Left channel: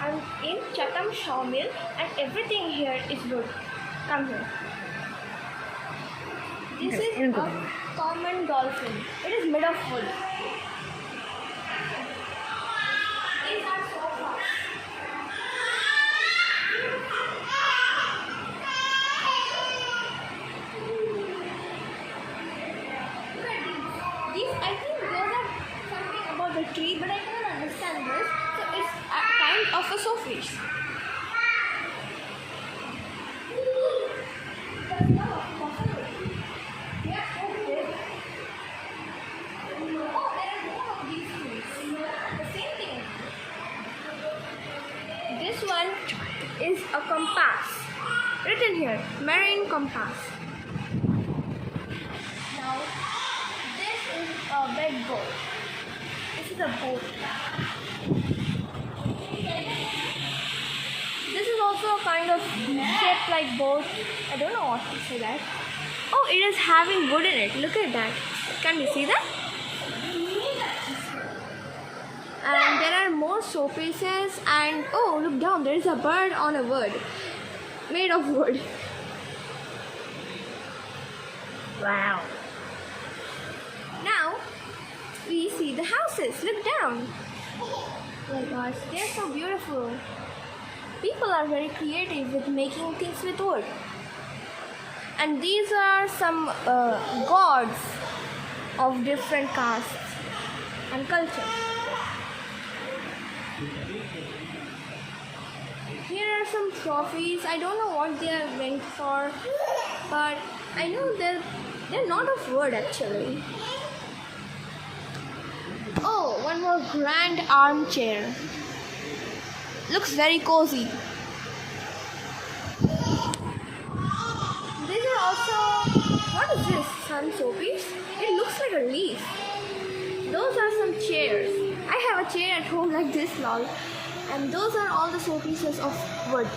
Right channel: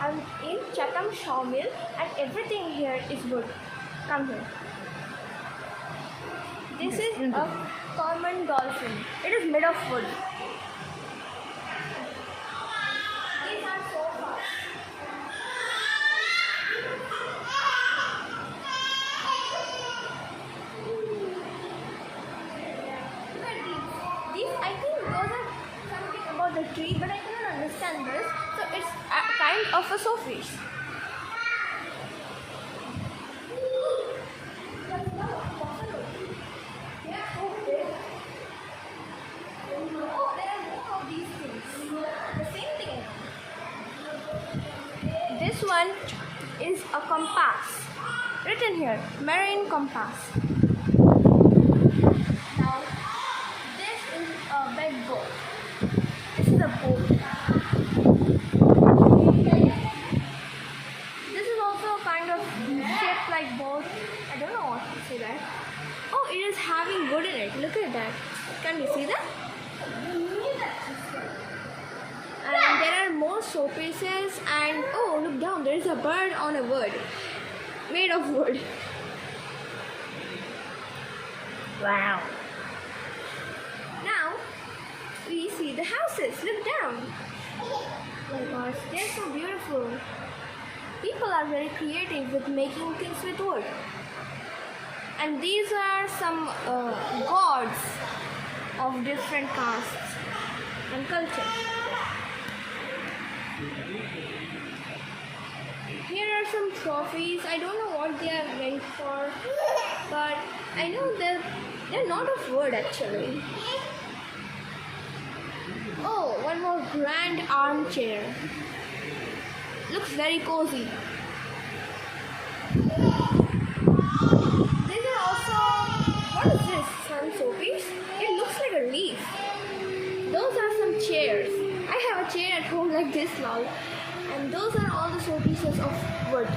I'm in Chatham Sawmill and everything here is wood. Come here. This is a common dolphin. It is made of wood. These are so fast. These, I think those are something about the tree, but I cannot understand this. So it's a kind of a sawfish. This one is a compass. Written here, marine compass. Now, this is a big boat. This is a boat. This is also a kind of shaped like boat. I don't know what to say that. Oh, it is having wood in it. Look at that. Can you see that? And there are more showpieces, and oh, look down, there is a bird on a wood, made of wood. Wow. Now we see the houses. Look down. Oh my gosh, they're so beautiful. People are very creative with making things with wood. And these are some gods of different castes and culture. Here are some trophies. I don't know what they are meant for, but I know they're not of wood actually. Oh, one more grand armchair. Looks very cozy. These are also, what is this? Some showpiece? It looks like a leaf. Those are some chairs. I have a chair at home like this long. And those are all the showpieces of wood.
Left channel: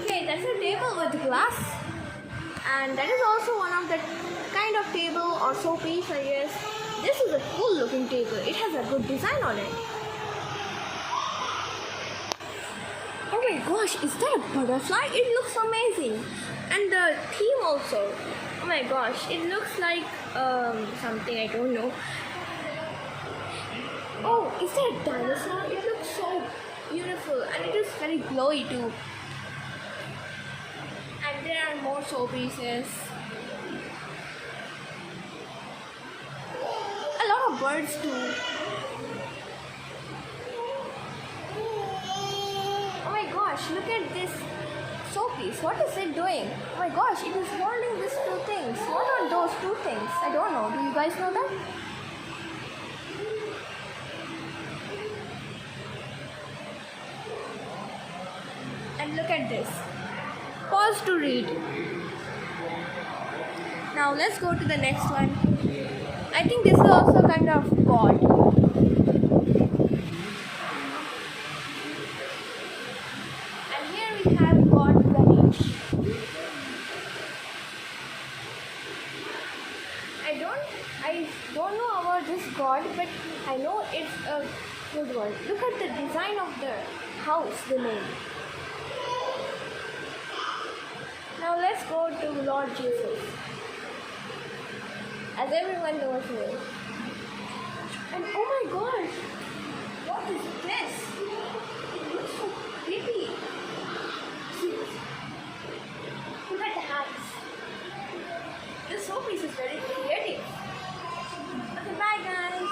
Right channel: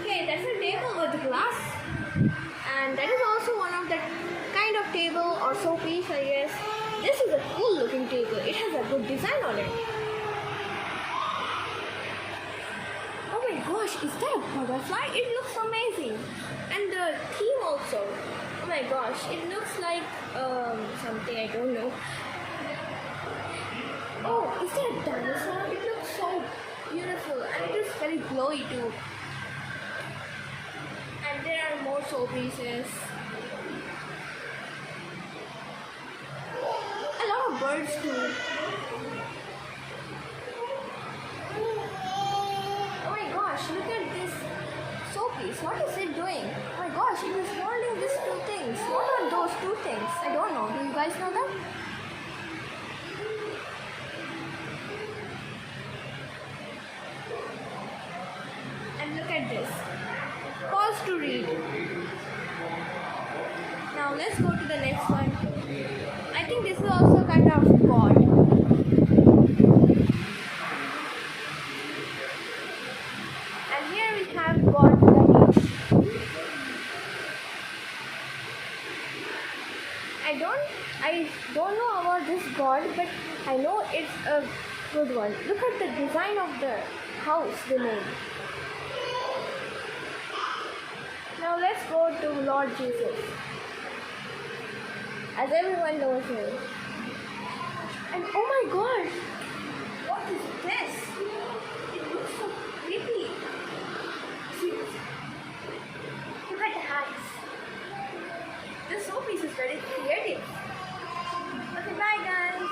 Okay, that's a table with glass. And that is also one of the kind of table or showpiece, I guess. This is a cool looking table. It has a good design on it. Oh my gosh, is that a butterfly? It looks amazing. And the theme also. Oh my gosh, it looks like something I don't know. Oh, is that a dinosaur? It looks so beautiful and it is very glowy too. And there are more showpieces. A lot of birds too. Oh my gosh, look at this showpiece. What is it doing? Oh my gosh, it is holding these two things. What are those two things? I don't know. Do you guys know that? Look at this. Pause to read. Now let's go to the next one. I think this is also kind of God. And here we have God Ganesh. I don't know about this God, but I know it's a good one. Look at the design of the house they made. Now let's go to Lord Jesus, as everyone knows him. And oh my gosh, what is this? It looks so pretty. See this? Look at the hands. This showpiece is very creative. Okay, bye guys.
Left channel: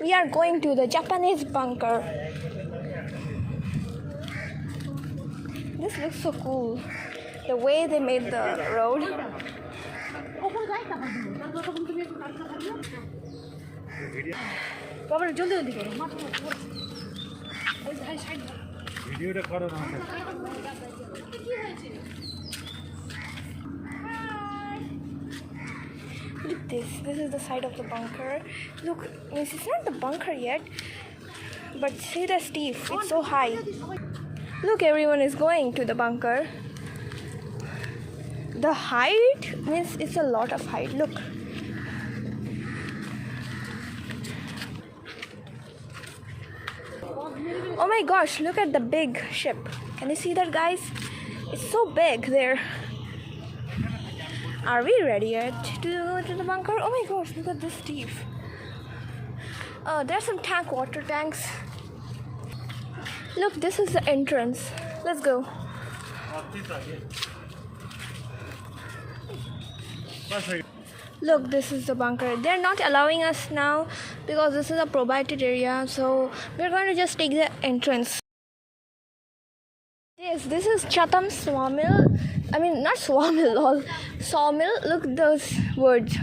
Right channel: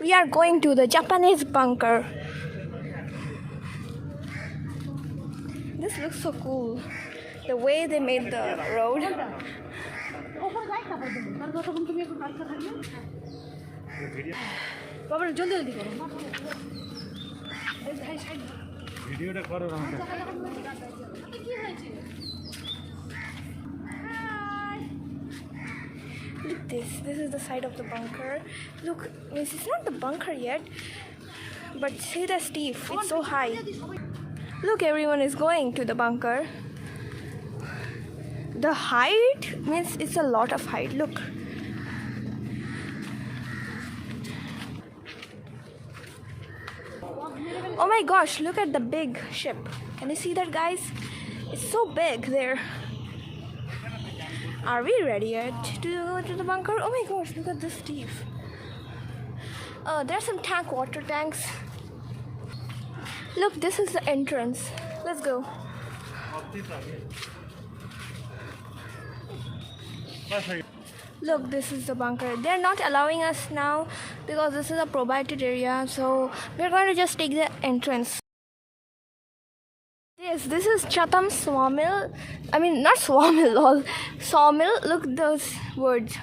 We are going to the Japanese bunker. This looks so cool. The way they made the road. Look this. This is the side of the bunker. Look, it's not the bunker yet, but see the steep. It's so high. Look, everyone is going to the bunker. The height means it's a lot of height. Look. Oh my gosh, look at the big ship. Can you see that, guys? It's so big there. Are we ready yet to go to the bunker? Oh my gosh, look at this steep. There's some water tanks. Look, this is the entrance. Let's go. Look, this is the bunker. They're not allowing us now because this is a prohibited area. So we're going to just take the entrance. Yes, this is CHATHAM sawmill. I mean, not sawmill, lol. Sawmill. Look those words.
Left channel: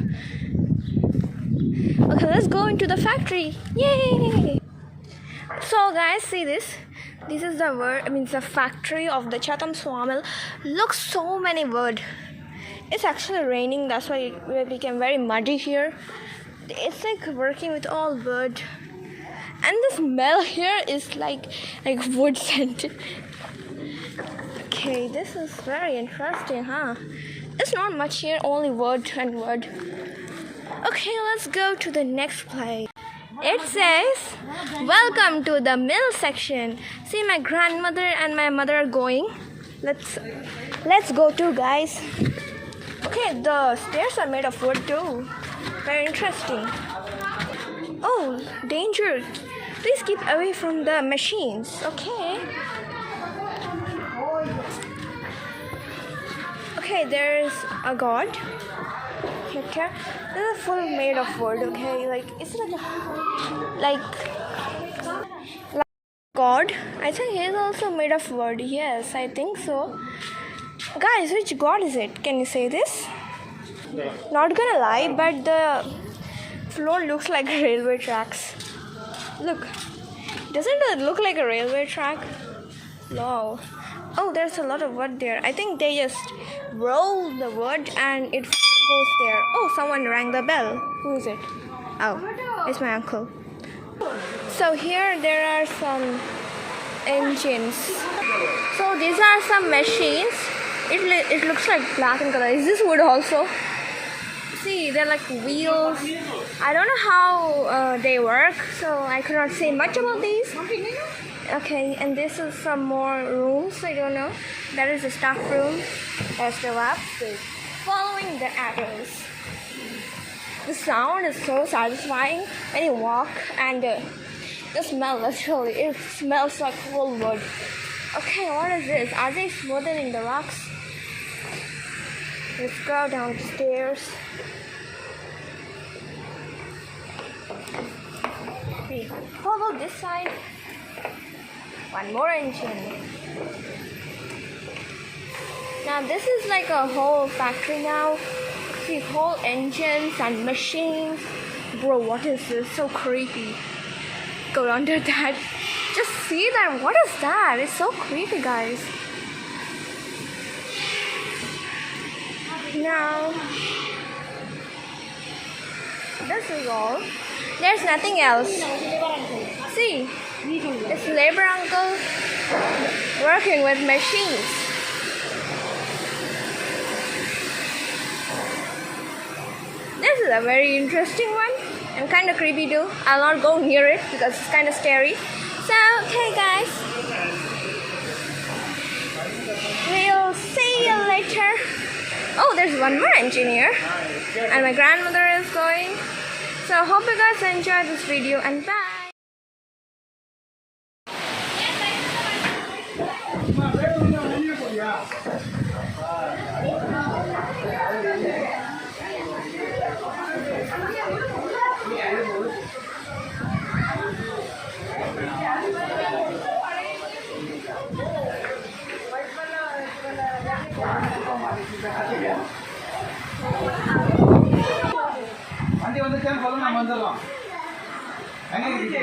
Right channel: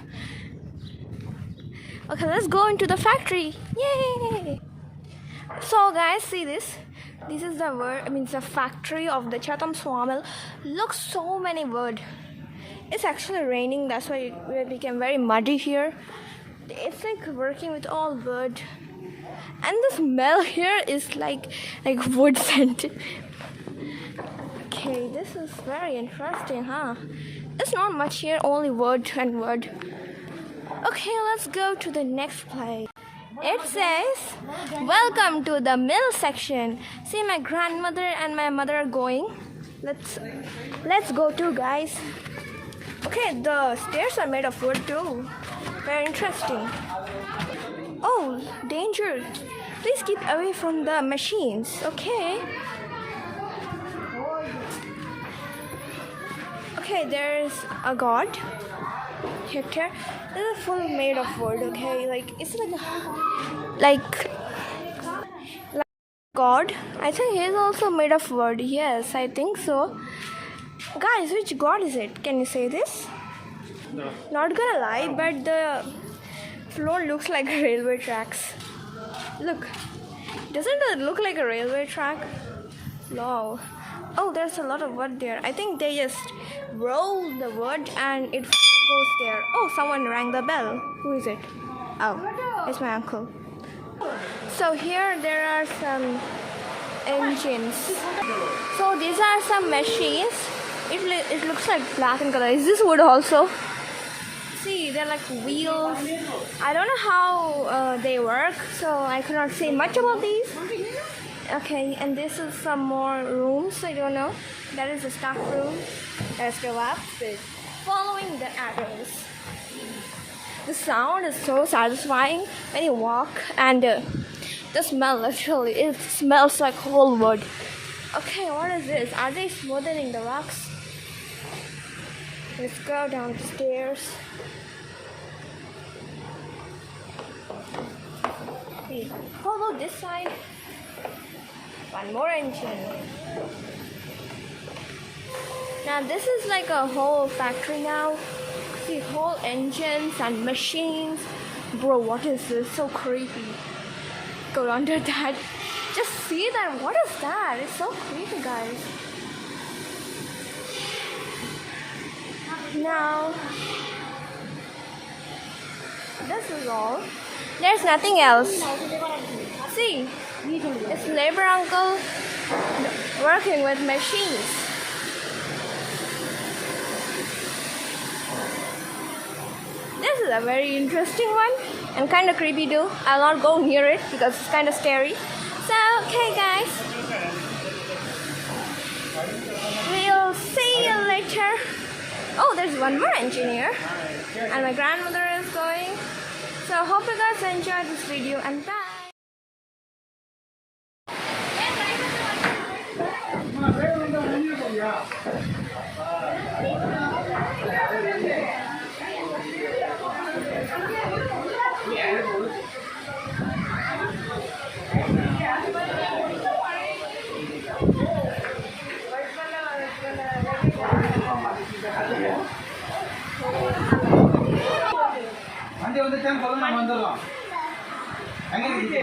Okay, let's go into the factory. Yay! So guys, see this. This is the word. I mean, it's the factory of the CHATHAM sawmill. Look, so many wood. It's actually raining. That's why it became very muddy here. It's like working with all wood, and the smell here is like wood scent. Okay, this is very interesting, huh? It's not much here, only wood and wood. Okay, let's go to the next place. It says, welcome to the mill section. See, my grandmother and my mother are going. Let's go too, guys. Okay, the stairs are made of wood too. Very interesting. Oh, danger. Please keep away from the machines. Okay. Okay, there is a god. Here, this is full made of wood. Okay, it's like god. I think he is also made of wood. Yes, I think so. Guys, which god is it? Can you say this? Not gonna lie, but the floor looks like railway tracks. Look, doesn't it look like a railway track? No. Oh, there's a lot of wood there. I think they just roll the wood and it goes there. Oh, someone rang the bell. Who is it? Oh, it's my uncle. So here there are some engines. So these are some machines. It looks like black in color. Is this wood also? See, they're like wheels. I don't know how they work, so I cannot say much about these. Okay, and this is some more rooms. I don't know. That is the staff room. There's the lab with following the arrows. The sound is so satisfying when you walk, and the smell actually, it smells like whole wood. Okay, what is this? Are they smoothing the rocks? Let's go down the stairs. See, how about this side? One more engine. Now this is like a whole factory now. See, whole engines and machines. Bro, what is this? So creepy. Go under that. Just see that. What is that? It's so creepy, guys. Now, this is all. There's nothing else. See, it's labor uncle working with machines. This is a very interesting one and kind of creepy too. I'll not go near it because it's kind of scary. So, okay guys, we'll see you later. Oh, there's one more engineer and my grandmother is going. So, hope you guys enjoyed this video and bye. Yeah. வந்துச்சான்னு சொல்ல நம்ம வந்துடுறோம். எங்க கிச்சி